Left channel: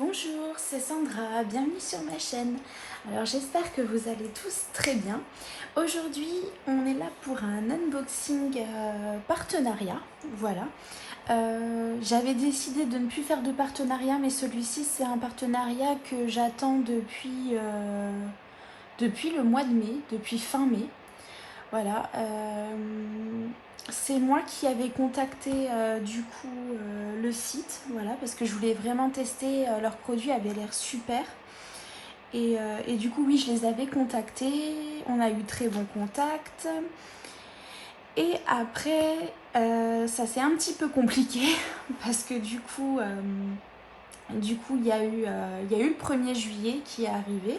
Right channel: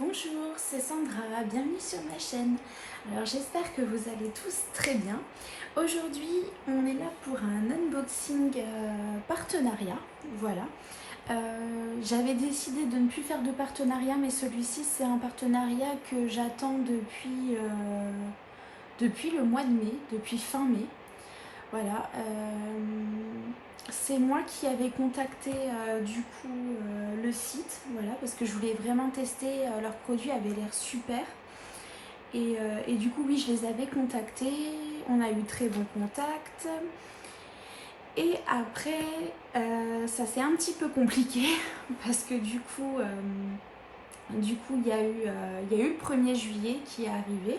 Bonjour, c'est Sandra, bienvenue sur ma chaîne. Alors j'espère que vous allez tous très bien. Aujourd'hui on est là pour un unboxing partenariat, voilà. J'avais décidé de ne plus faire de partenariat, mais celui-ci c'est un partenariat que j'attends depuis le mois de mai, depuis fin mai. Voilà, c'est moi qui avais contacté le site, voilà, parce que je voulais vraiment tester, leurs produits avaient l'air super. Et du coup, oui, je les avais contactés, on a eu très bon contact. Et après, ça s'est un petit peu compliqué parce que il y a eu le 1er juillet qui est arrivé.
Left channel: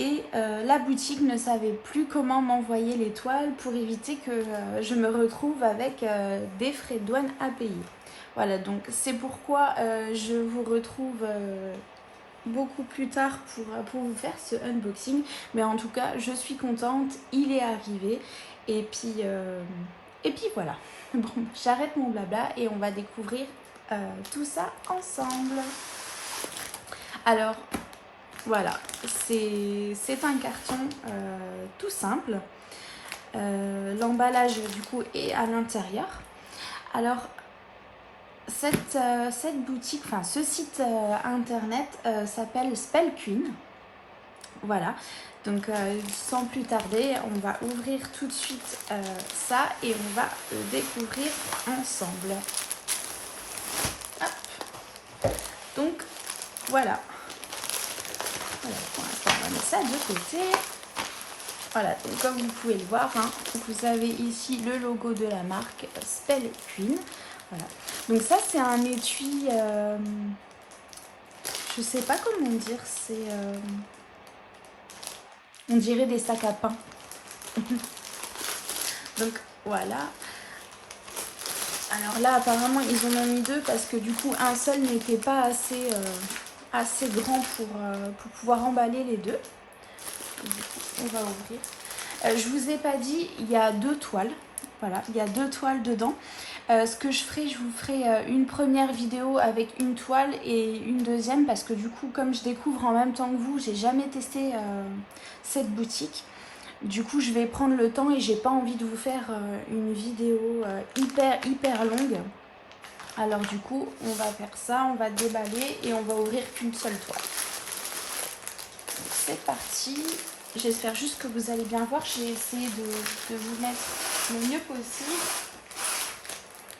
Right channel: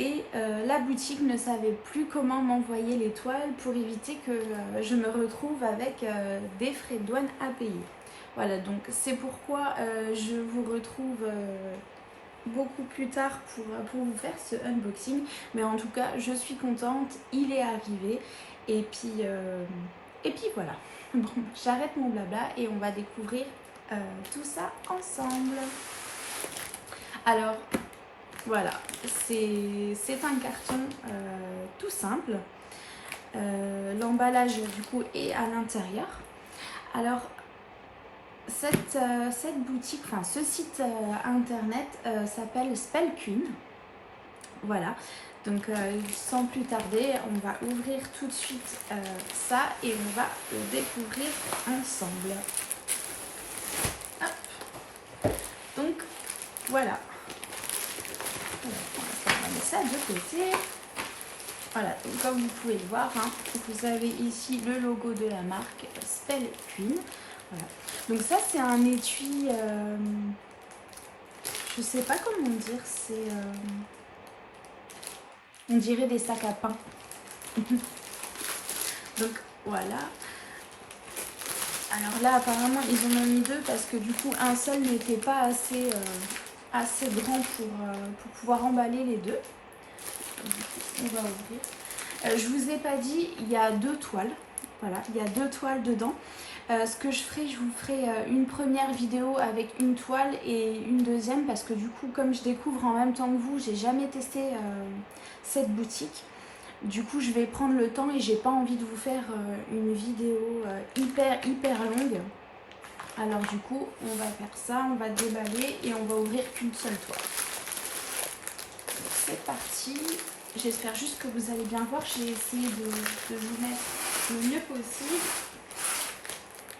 Et la boutique ne savait plus comment m'envoyer les toiles pour éviter que je me retrouve avec des frais de douane à payer. Voilà, donc c'est pourquoi je vous retrouve beaucoup plus tard pour vous faire ce unboxing. Mais en tout cas, je suis contente, il est arrivé. Et puis voilà. Bon, j'arrête mon blabla et on va découvrir tout ça ensemble. Alors, voilà, c'est un carton tout simple. L'emballage du coup est à l'intérieur. Alors cette boutique, enfin ce site internet s'appelle Spellqueen. Voilà, donc sans plus tarder, on va ouvrir tout de suite ça et on va le découvrir ensemble. Hop. Donc voilà. On va mettre ça de côté. Voilà, donc comme vous pouvez le voir, hein, vous avez ici le logo de la marque Spellqueen. Voilà. Donc ça c'est un étui, je sais pas comment dire, c'est on dirait des sacs à pain. Donc voilà. Alors là apparemment ils en ont mis deux parce que du coup un seul n'était pas assez grand pour pouvoir emballer les deux. Du coup, on va ouvrir. Je vous ai pas dit, il y a deux toiles. Voilà, il y a deux toiles dedans. Ce que je ferai, je vous ferai une première vidéo avec une toile et une deuxième parce que du coup, comme je découvre en même temps que vous, j'ai jamais testé cette boutique. Du coup, je vais prendre le temps et j'ai pas envie de vous faire une vidéo hyper longue. Alors du coup, on va faire ça, on va déballer et on va ouvrir qu'une seule toile. C'est parti. J'espère juste que vous allez bien voir. J'ai essayé de vous mettre le mieux possible.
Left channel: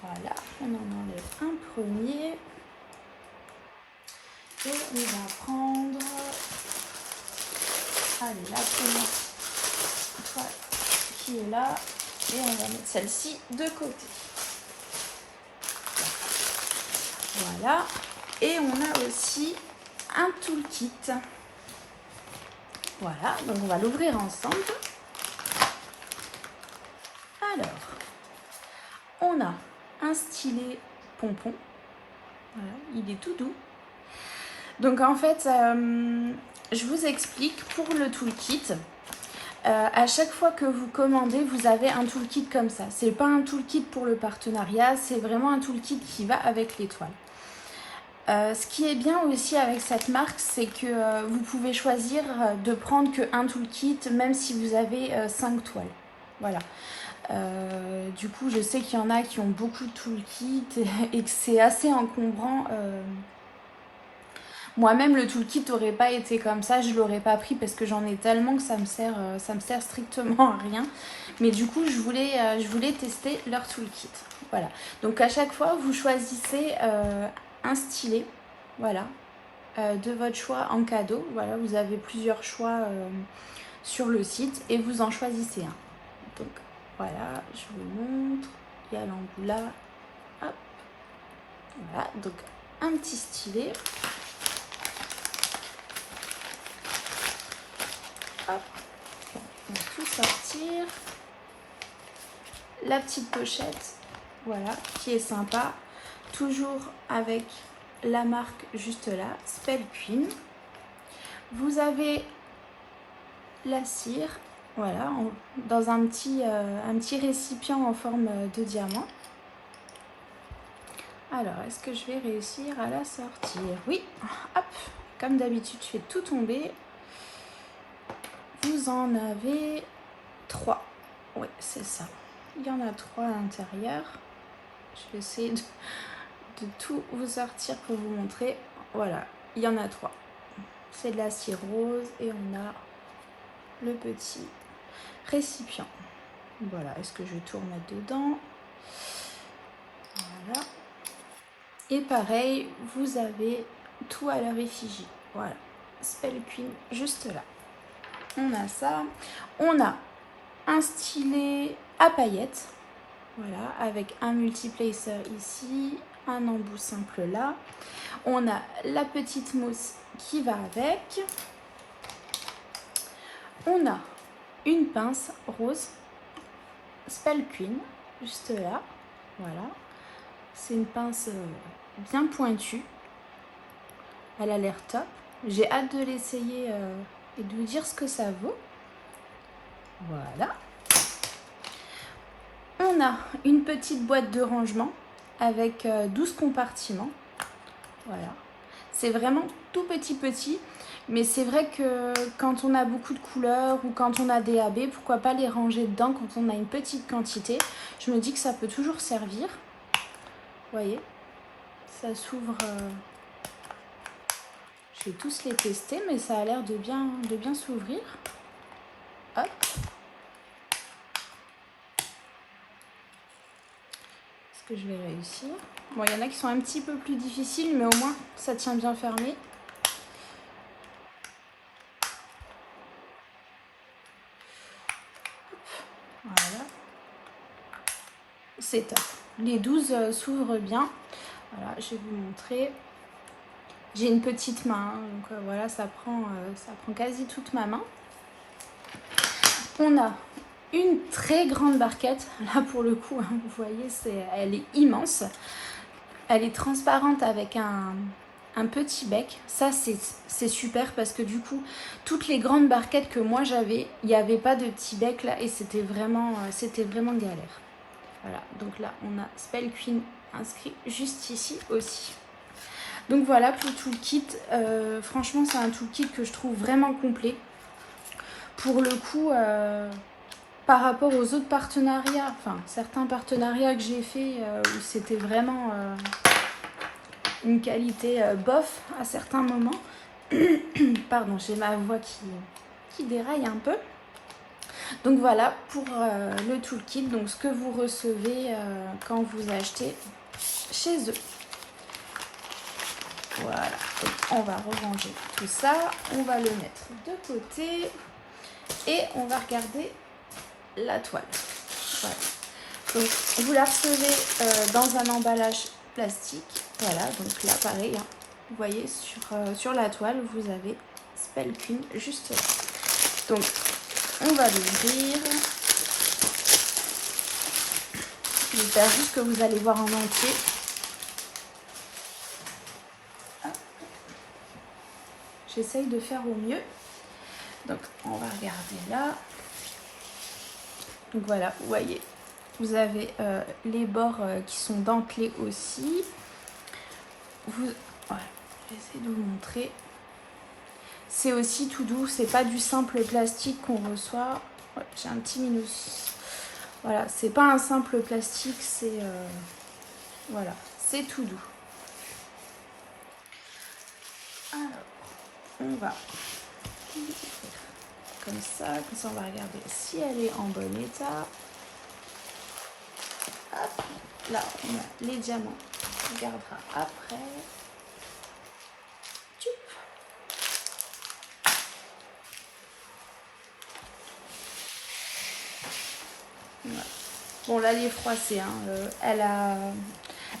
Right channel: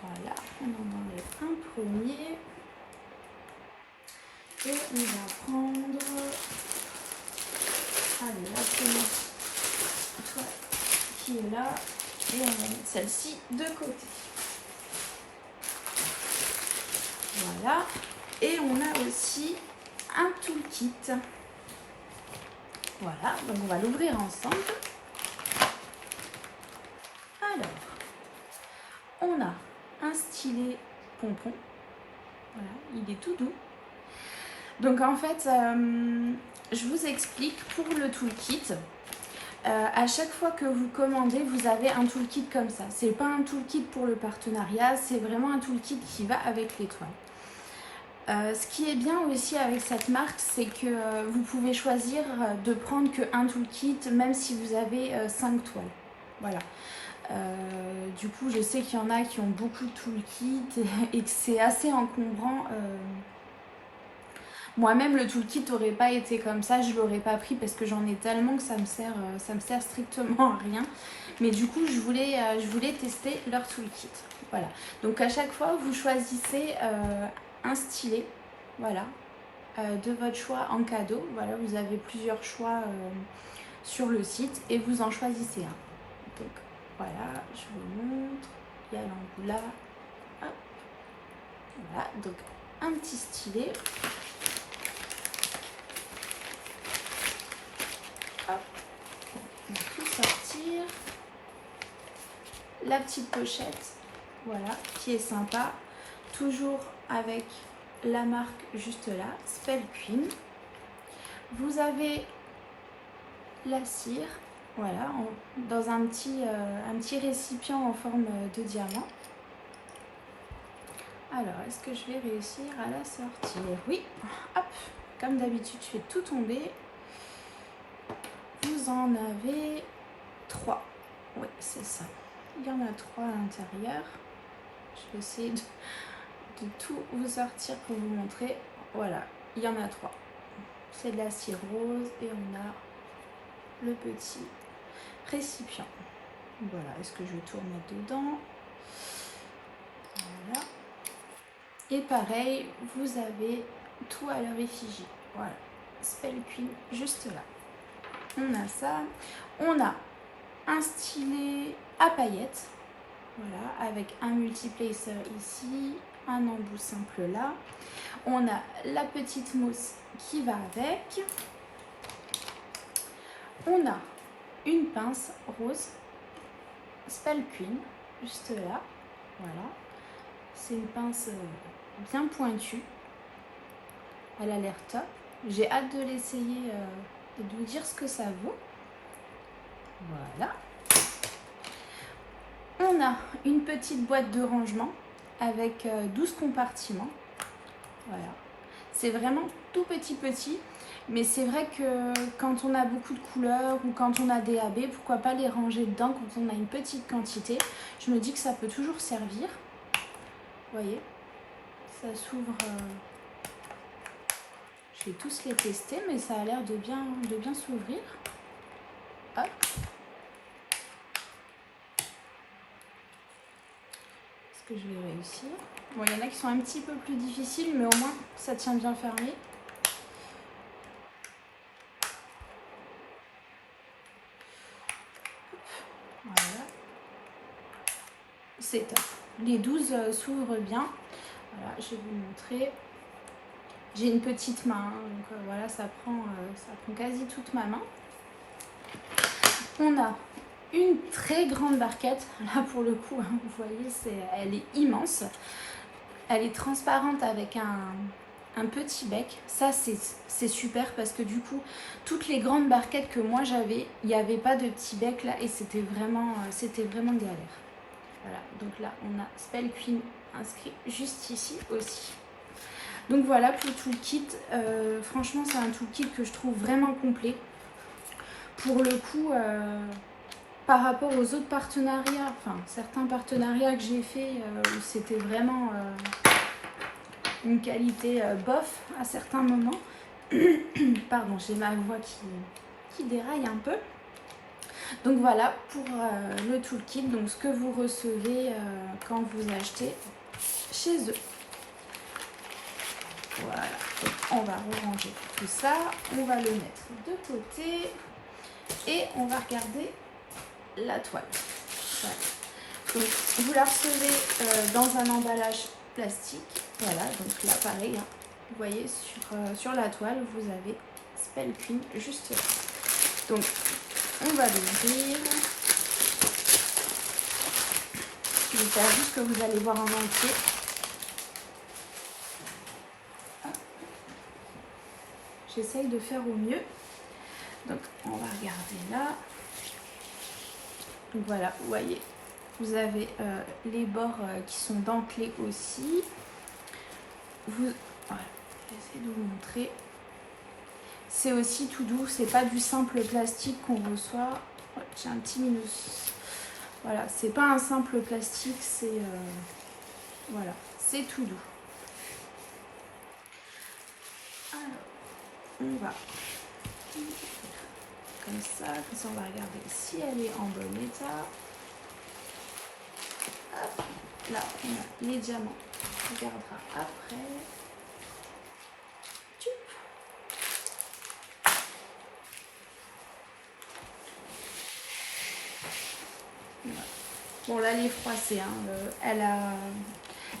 Voilà, on en enlève un premier. Et on va prendre la première toile qui est là. Et on va mettre celle-ci de côté. Voilà. Et on a aussi un toolkit. Voilà, donc on va l'ouvrir ensemble. Alors, on a un stylet pompon. Voilà, il est tout doux. Donc en fait, je vous explique pour le toolkit. À chaque fois que vous commandez, vous avez un toolkit comme ça. C'est pas un toolkit pour le partenariat, c'est vraiment un toolkit qui va avec les toiles. Ce qui est bien aussi avec cette marque, c'est que vous pouvez choisir de prendre qu'un toolkit, même si vous avez 5 toiles. Voilà. Du coup, je sais qu'il y en a qui ont beaucoup de toolkits et que c'est assez encombrant. Moi-même, le toolkit n'aurait pas été comme ça, je ne l'aurais pas pris parce que j'en ai tellement que ça me sert strictement à rien. Mais du coup, je voulais tester leur toolkit. Voilà. Donc à chaque fois, vous choisissez un stylet, voilà, de votre choix en cadeau. Voilà, vous avez plusieurs choix sur le site et vous en choisissez un. Donc voilà, je vous montre. Il y a l'embout là. Hop. Voilà, donc un petit stylet. Hop. On va tout sortir. La petite pochette, voilà, qui est sympa. Toujours avec la marque juste là, Spellqueen. Vous avez la cire, voilà, dans un petit récipient en forme de diamant. Alors, est-ce que je vais réussir à la sortir? Oui, hop, comme d'habitude, je fais tout tomber. Vous en avez 3. Oui, c'est ça. Il y en a 3 à l'intérieur. Je vais essayer de tout vous sortir pour vous montrer. Voilà, il y en a 3. C'est de la cire rose et on a le petit récipient. Voilà, est-ce que je vais tout remettre dedans? Voilà. Et pareil, vous avez tout à leur effigie. Voilà, Spell Queen juste là. On a ça. On a un stylet à paillettes. Voilà, avec un multiplacer ici, un embout simple là. On a la petite mousse qui va avec. On a une pince rose Spell Queen juste là. Voilà, c'est une pince bien pointue. Elle a l'air top. J'ai hâte de l'essayer et de vous dire ce que ça vaut. Voilà. On a une petite boîte de rangement avec 12 compartiments. Voilà. C'est vraiment tout petit, mais c'est vrai que quand on a beaucoup de couleurs ou quand on a des AB, pourquoi pas les ranger dedans quand on a une petite quantité. Je me dis que ça peut toujours servir. Vous voyez, ça s'ouvre. Je vais tous les tester, mais ça a l'air de bien s'ouvrir. Hop. Est-ce que je vais réussir? Bon, il y en a qui sont un petit peu plus difficiles, mais au moins, ça tient bien fermé. Voilà. C'est top. Les 12 s'ouvrent bien. Voilà, je vais vous montrer. J'ai une petite main, donc voilà, ça prend quasi toute ma main. On a une très grande barquette. Là, pour le coup, hein, vous voyez, elle est immense. Elle est transparente avec un petit bec. Ça, c'est super parce que du coup, toutes les grandes barquettes que moi j'avais, il n'y avait pas de petit bec là et c'était vraiment galère. Voilà, donc là, on a Spell Queen inscrit juste ici aussi. Donc voilà pour tout le kit. Franchement, c'est un toolkit que je trouve vraiment complet. Pour le coup, par rapport aux autres partenariats, enfin certains partenariats que j'ai fait où c'était vraiment une qualité bof à certains moments. Pardon, j'ai ma voix qui déraille un peu. Donc voilà pour le toolkit, donc ce que vous recevez quand vous achetez chez eux. Voilà, on va ranger tout ça, on va le mettre de côté et on va regarder la toile. Voilà. Donc vous la recevez dans un emballage plastique. Voilà, donc là pareil, hein, vous voyez sur la toile vous avez Spell Queen juste là. Donc on va l'ouvrir. J'espère juste que vous allez voir en entier. J'essaye de faire au mieux. Donc on va regarder là. Donc voilà, vous voyez, vous avez les bords qui sont dentelés aussi. Voilà, j'essaie de vous montrer. C'est aussi tout doux, c'est pas du simple plastique qu'on reçoit. Oh, j'ai un petit minus. Voilà, c'est pas un simple plastique, c'est voilà, c'est tout doux. Alors, on va comme ça on va regarder si elle est en bon état. Hop, là, on a les diamants, on regardera après. Voilà. Bon, là, elle est froissée, hein.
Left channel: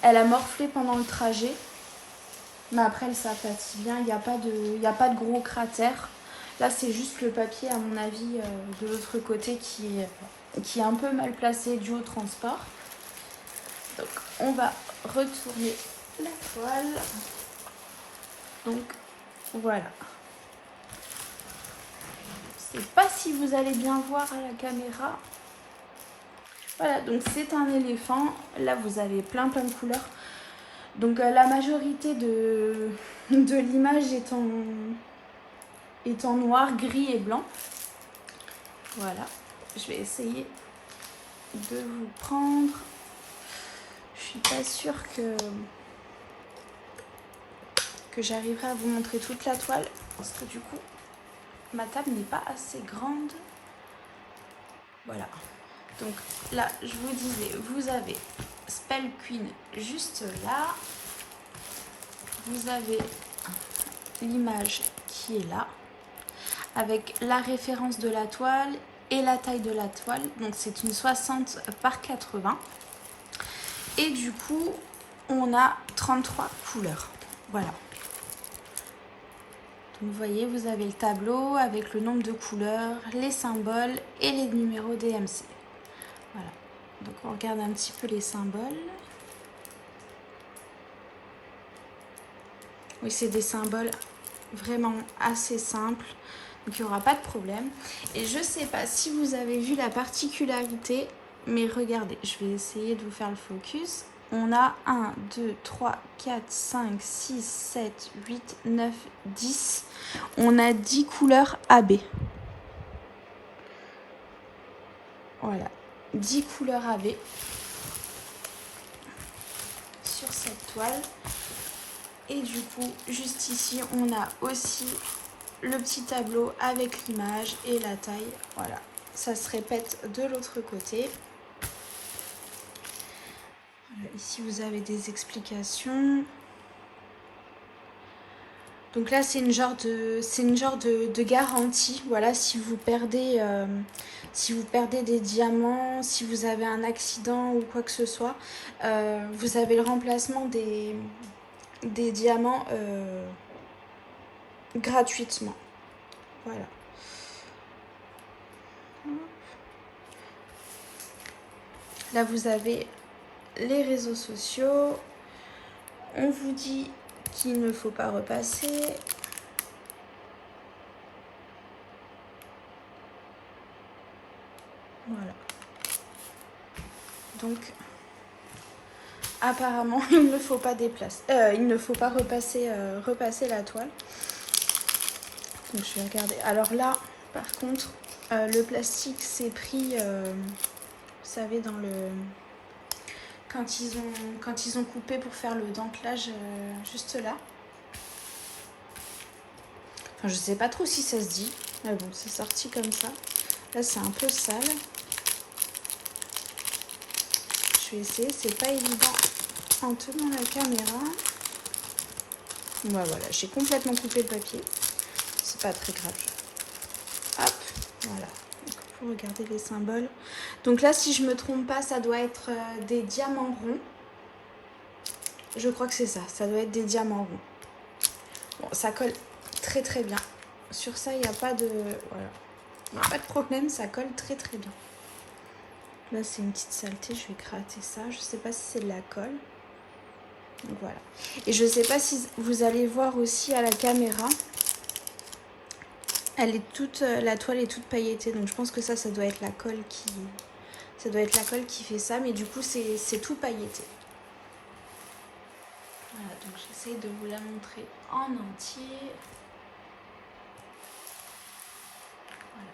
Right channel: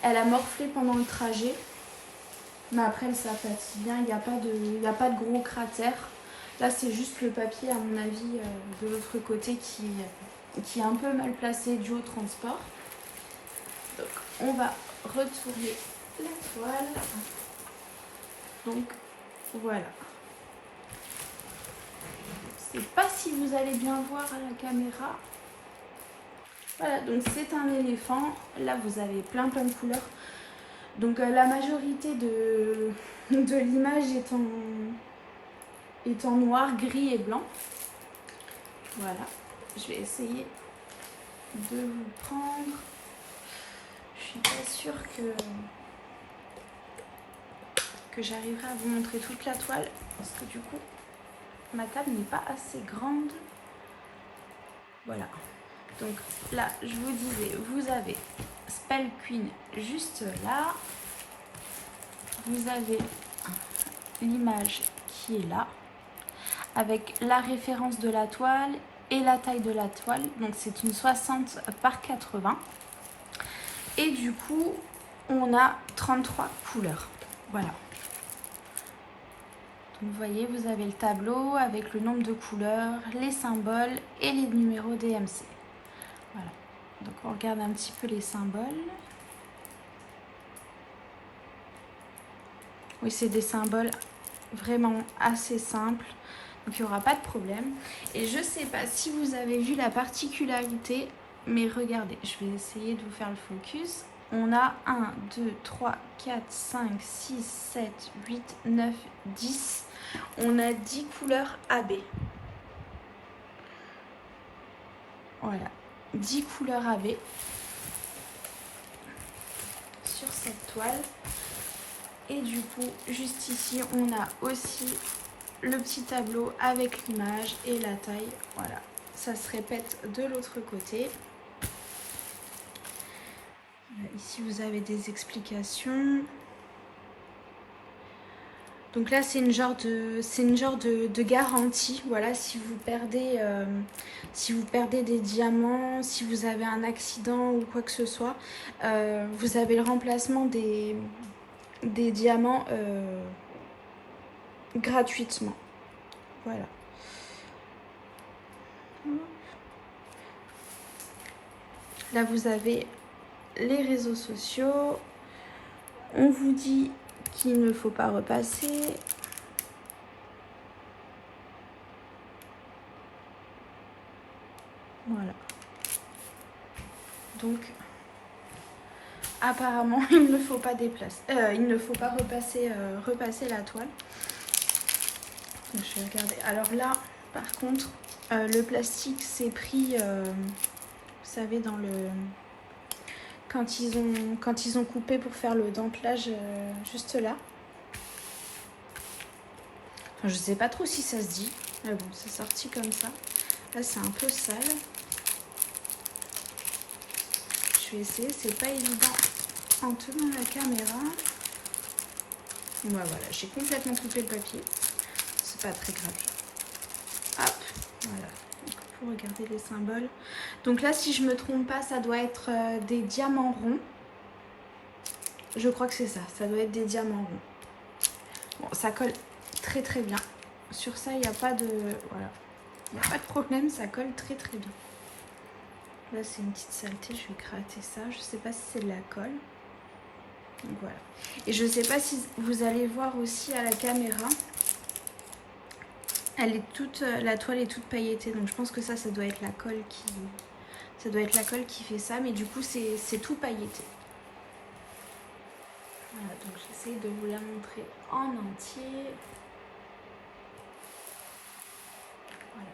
Elle a morflé pendant le trajet. Mais après, ça fatigue bien, il n'y a pas de gros cratères. Là, c'est juste le papier, à mon avis, de l'autre côté qui est un peu mal placé dû au transport. Donc, on va retourner la toile. Donc, voilà. Je ne sais pas si vous allez bien voir à la caméra. Voilà, donc c'est un éléphant. Là, vous avez plein de couleurs. Donc la majorité de l'image est en noir, gris et blanc. Voilà, je vais essayer de vous prendre. Je suis pas sûre que j'arriverai à vous montrer toute la toile parce que du coup ma table n'est pas assez grande. Voilà, donc là je vous disais, vous avez Spell Queen juste là, vous avez l'image qui est là avec la référence de la toile et la taille de la toile, donc c'est une 60 par 80 et du coup on a 33 couleurs. Voilà, donc vous voyez, vous avez le tableau avec le nombre de couleurs, les symboles et les numéros DMC. Voilà, donc on regarde un petit peu les symboles. Oui, c'est des symboles vraiment assez simples, donc il n'y aura pas de problème. Et je ne sais pas si vous avez vu la particularité, mais regardez, je vais essayer de vous faire le focus. On a 1, 2, 3, 4, 5, 6, 7, 8, 9, 10. On a 10 couleurs AB. Voilà, 10 couleurs AB sur cette toile. Et du coup, juste ici, on a aussi le petit tableau avec l'image et la taille. Voilà, ça se répète de l'autre côté. Voilà, ici, vous avez des explications. Donc là, c'est une genre de garantie. Voilà, si vous perdez des diamants, si vous avez un accident ou quoi que ce soit, vous avez le remplacement des diamants gratuitement. Voilà. Là, vous avez les réseaux sociaux. On vous dit qu'il ne faut pas repasser. Voilà. Donc, apparemment, il ne faut pas repasser la toile. Donc, je vais regarder. Alors là, par contre, le plastique s'est pris, vous savez, dans le... Quand ils ont coupé pour faire le dentelage juste là. Enfin, je sais pas trop si ça se dit. Mais bon, c'est sorti comme ça. Là, c'est un peu sale. Je vais essayer, c'est pas évident en tenant la caméra. Voilà, j'ai complètement coupé le papier. C'est pas très grave. Hop, voilà. Donc, pour regarder les symboles. Donc là, si je me trompe pas, ça doit être des diamants ronds. Je crois que c'est ça. Ça doit être des diamants ronds. Bon, ça colle très très bien. Sur ça, il n'y a pas de... Voilà. Il n'y a pas de problème, ça colle très très bien. Là, c'est une petite saleté, je vais gratter ça. Je ne sais pas si c'est de la colle. Donc voilà. Et je ne sais pas si vous allez voir aussi à la caméra. La toile est toute pailletée. Donc je pense que ça doit être la colle qui... Ça doit être la colle qui fait ça. Mais du coup, c'est tout pailleté. Voilà, donc j'essaie de vous la montrer en entier. Voilà.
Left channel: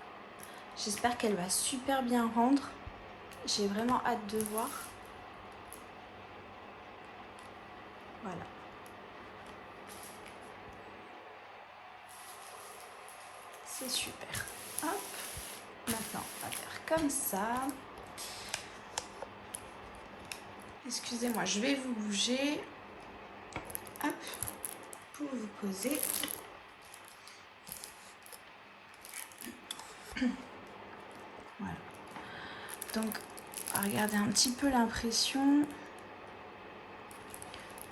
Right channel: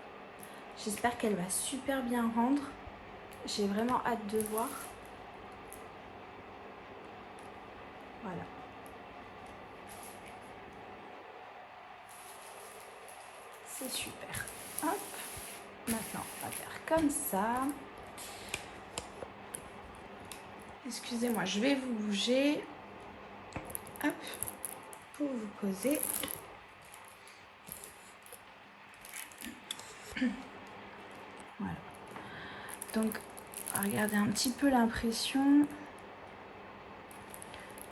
J'espère qu'elle va super bien rendre. J'ai vraiment hâte de voir. Voilà. C'est super. Hop. Maintenant, on va faire comme ça. Excusez-moi, je vais vous bouger. Hop. Pour vous poser. Voilà. Donc, regardez un petit peu l'impression.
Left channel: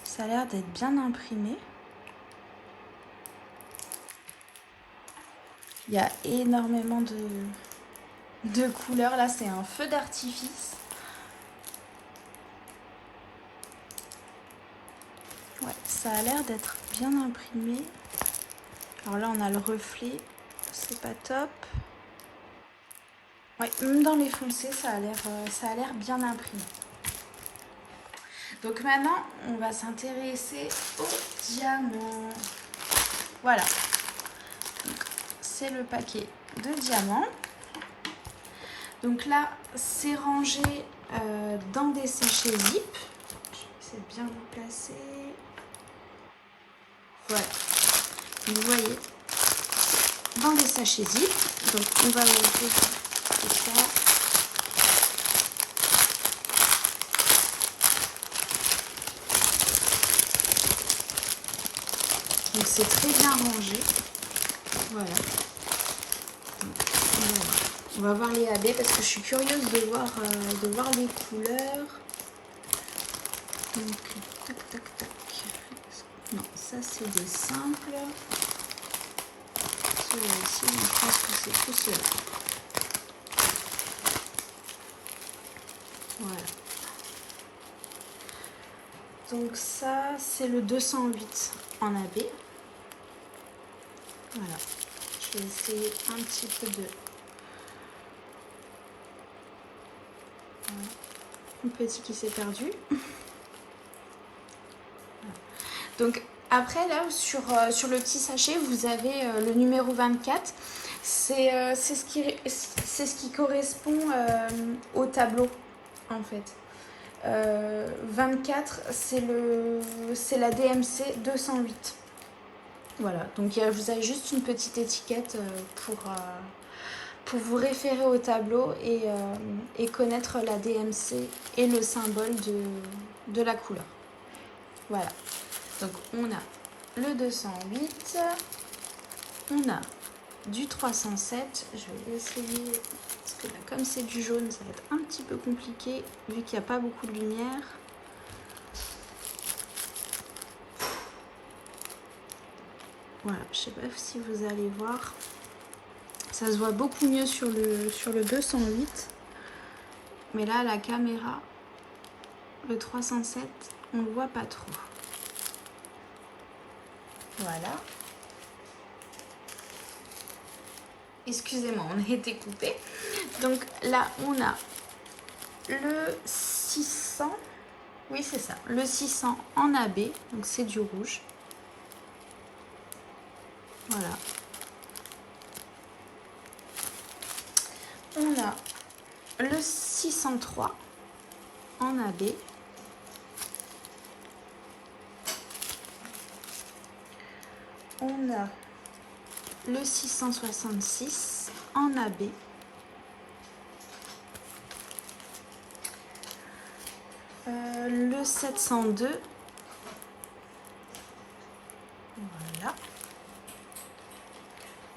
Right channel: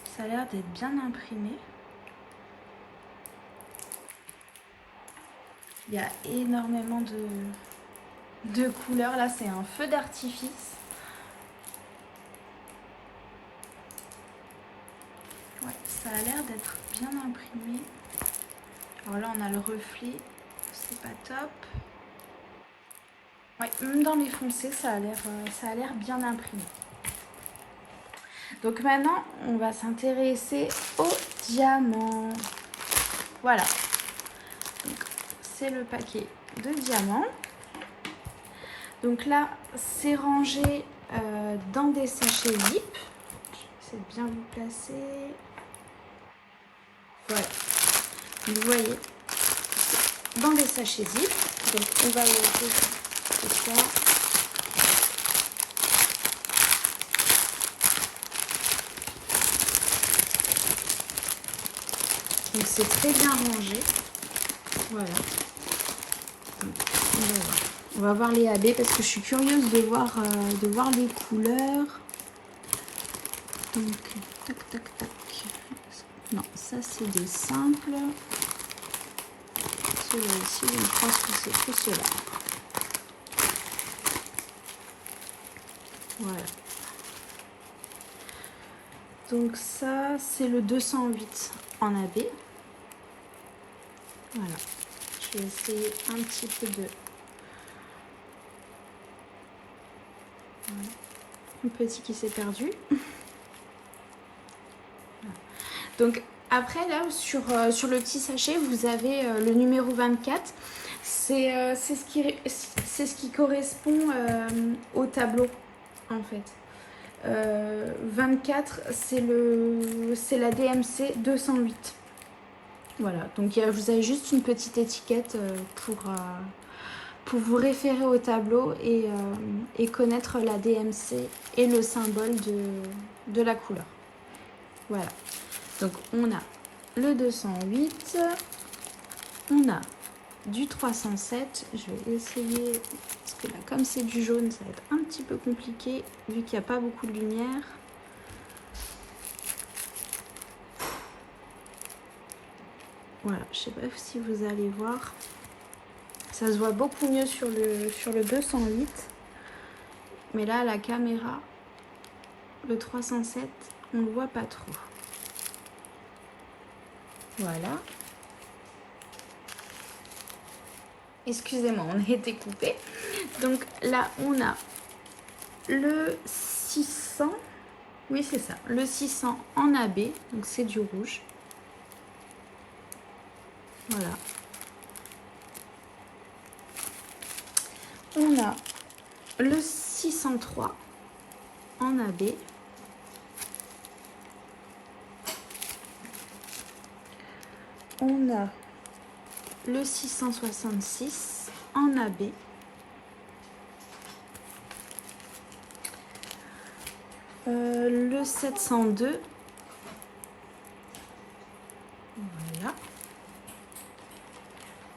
Ça a l'air d'être bien imprimé. Il y a énormément de couleurs. Là, c'est un feu d'artifice. Ouais, ça a l'air d'être bien imprimé. Alors là, on a le reflet. C'est pas top. Ouais, même dans les foncés, ça a l'air bien imprimé. Donc maintenant, on va s'intéresser aux diamants. Voilà. C'est le paquet de diamants. Donc là, c'est rangé dans des sachets zip. Je vais essayer de bien vous placer. Voilà. Vous voyez, dans des sachets zip. Donc on va ouvrir tout ça. Donc c'est très bien rangé. Voilà. Donc, on va voir les AB parce que je suis curieuse de voir les couleurs. Donc, tac, tac, tac. Non, ça c'est des simples. Celui-ci, je pense que c'est tout cela. Voilà. Donc ça, c'est le 208 en AB. Voilà. Je vais essayer un petit peu de... Voilà. Un petit qui s'est perdu. Voilà. Donc après là, sur le petit sachet, vous avez le numéro 24. C'est ce qui correspond au tableau, en fait. 24, c'est la DMC 208. Voilà, donc vous avez juste une petite étiquette pour vous référer au tableau et connaître la DMC et le symbole de la couleur. Voilà, donc on a le 208, on a du 307, je vais essayer, parce que là comme c'est du jaune, ça va être un petit peu compliqué vu qu'il n'y a pas beaucoup de lumière. Voilà, je sais pas si vous allez voir. Ça se voit beaucoup mieux sur le 208. Mais là, la caméra, le 307, on ne le voit pas trop. Voilà. Excusez-moi, on a été coupé. Donc là, on a le 600. Oui, c'est ça. Le 600 en AB. Donc c'est du rouge. Voilà. On a le 603 en AB. On a le 666 en AB. Le 702. Voilà.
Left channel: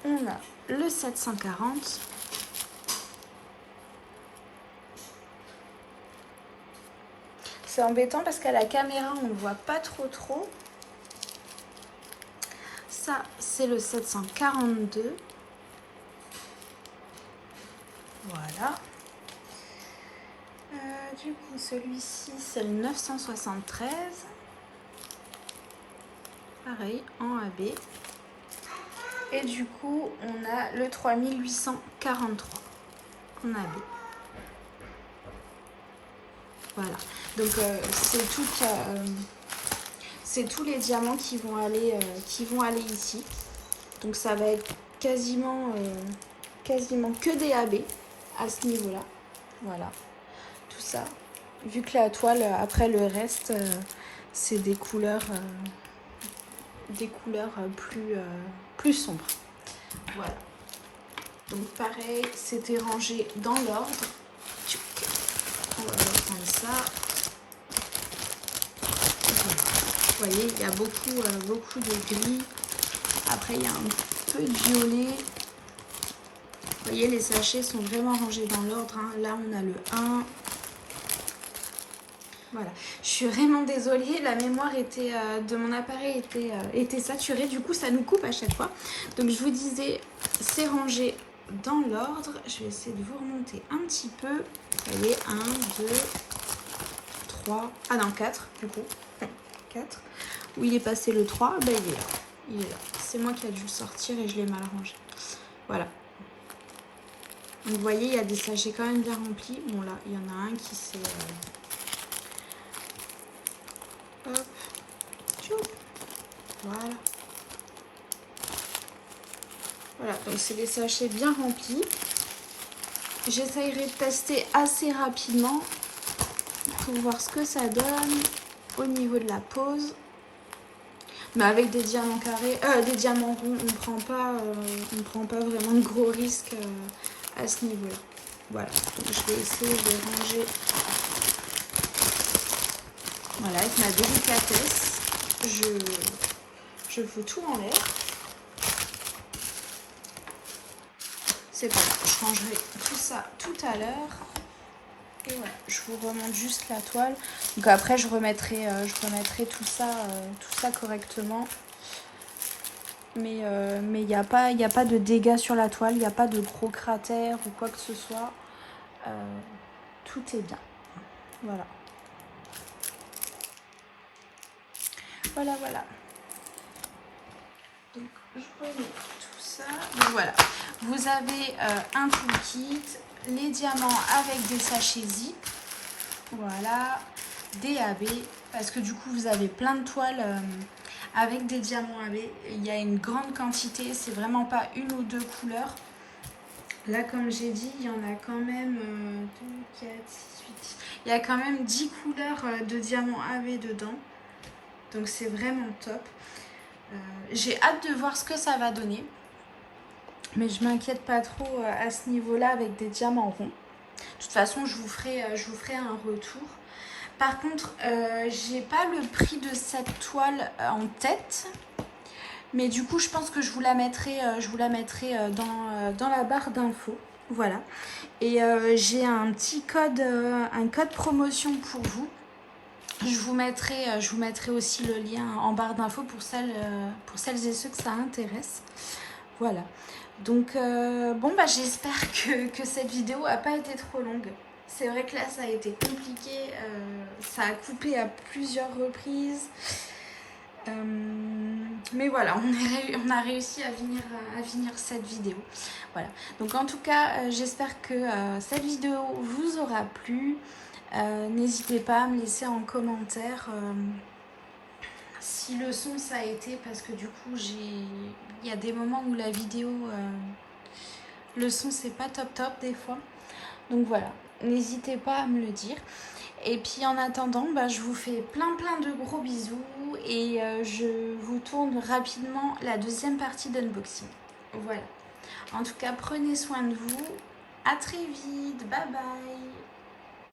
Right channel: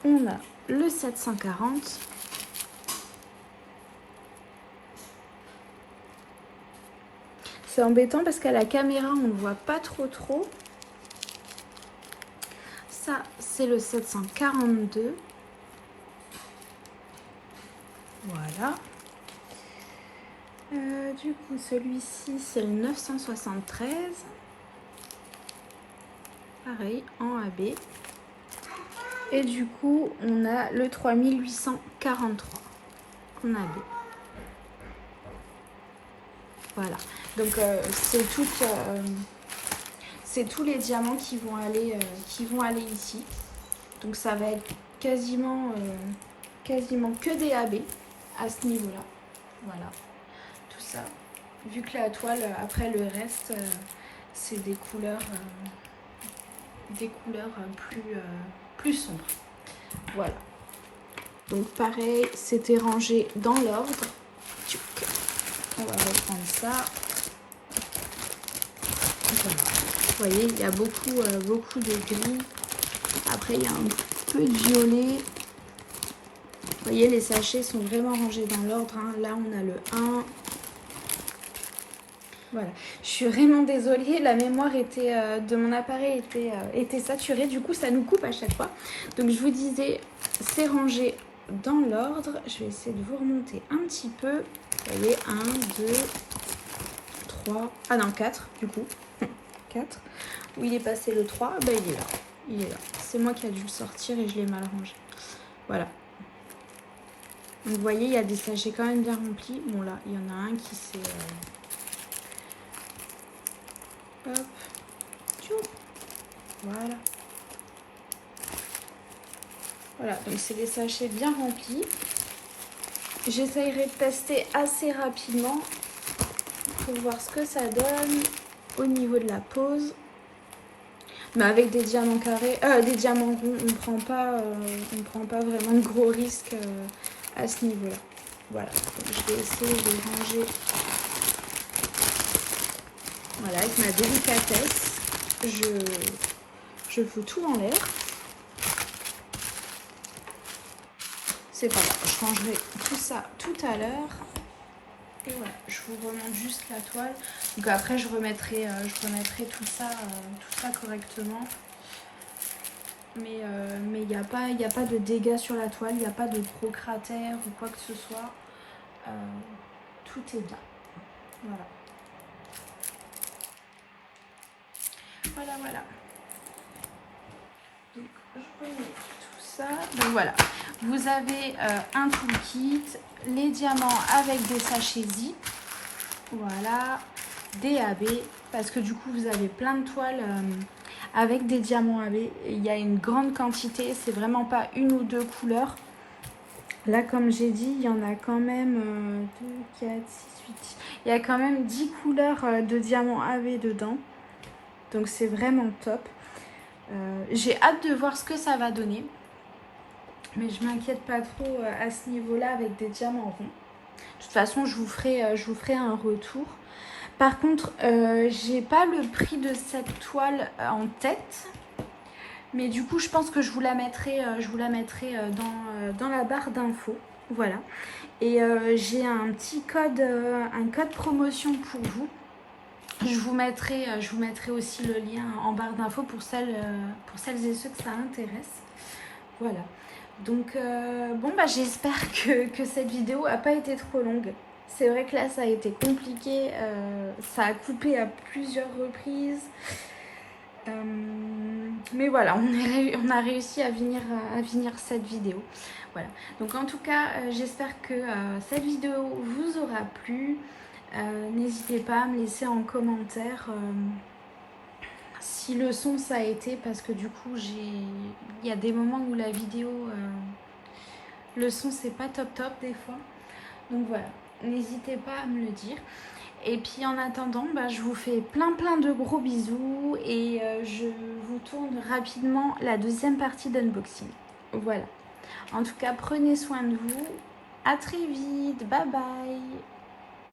On a le 740. C'est embêtant parce qu'à la caméra, on ne voit pas trop. Ça, c'est le 742. Voilà. Du coup, celui-ci, c'est le 973. Pareil, en AB. Et du coup, on a le 3843 en AB. Voilà. Donc, c'est tous les diamants qui vont aller ici. Donc, ça va être quasiment que des AB à ce niveau-là. Voilà. Tout ça. Vu que la toile, après le reste, c'est des couleurs plus sombres. Voilà. Donc pareil, c'était rangé dans l'ordre. On va reprendre ça. Voilà. Vous voyez, il y a beaucoup de gris. Après, il y a un peu de violet. Vous voyez, les sachets sont vraiment rangés dans l'ordre. Hein. Là, on a le 1. Voilà. Je suis vraiment désolée. La mémoire de mon appareil était saturée. Du coup, ça nous coupe à chaque fois. Donc, je vous disais, c'est rangé dans l'ordre. Je vais essayer de vous remonter un petit peu. Vous voyez, 1, 2, 3. Ah non, 4 du coup. 4. Où il est passé le 3, ben, il est là. Il est là. C'est moi qui ai dû le sortir et je l'ai mal rangé. Voilà. Donc vous voyez, il y a des sachets quand même bien remplis. Bon là, il y en a un qui s'est Hop. Tchou. Voilà. Voilà, donc c'est des sachets bien remplis. J'essayerai de tester assez rapidement pour voir ce que ça donne au niveau de la pose. Mais avec des diamants carrés, des diamants ronds, on prend pas vraiment de gros risques à ce niveau-là. Voilà, donc je vais essayer de ranger. Voilà, avec ma délicatesse, je fous tout en l'air. C'est pas grave, je rangerai tout ça tout à l'heure. Et voilà, je vous remonte juste la toile. Donc après, je remettrai tout ça correctement. Mais il n'y a pas de dégâts sur la toile, il n'y a pas de gros cratères ou quoi que ce soit. Tout est bien. Voilà. Voilà. Donc, je remets tout ça. Donc voilà, vous avez un toolkit, les diamants avec des sachets zip. Voilà, des AB, parce que du coup, vous avez plein de toiles avec des diamants AB. Il y a une grande quantité, c'est vraiment pas une ou deux couleurs. Là, comme j'ai dit, il y en a quand même 2, 4, 6, 8. Il y a quand même 10 couleurs de diamants AB dedans. Donc, c'est vraiment top. J'ai hâte de voir ce que ça va donner. Mais je m'inquiète pas trop à ce niveau-là avec des diamants ronds. De toute façon, je vous ferai un retour. Par contre, j'ai pas le prix de cette toile en tête. Mais du coup, je pense que je vous la mettrai dans la barre d'infos. Voilà. Et j'ai un petit code, un code promotion pour vous. Je vous mettrai aussi le lien en barre d'infos pour celles et ceux que ça intéresse. Voilà. Donc, bon, bah, j'espère que cette vidéo n'a pas été trop longue. C'est vrai que là, ça a été compliqué. Ça a coupé à plusieurs reprises. Mais voilà, on a réussi à finir cette vidéo. Voilà. Donc, en tout cas, j'espère que cette vidéo vous aura plu. N'hésitez pas à me laisser en commentaire si le son ça a été, parce que du coup il y a des moments où la vidéo le son c'est pas top des fois, donc voilà, n'hésitez pas à me le dire. Et puis en attendant, bah, je vous fais plein de gros bisous et je vous tourne rapidement la deuxième partie d'unboxing. Voilà, en tout cas prenez soin de vous, à très vite, bye bye.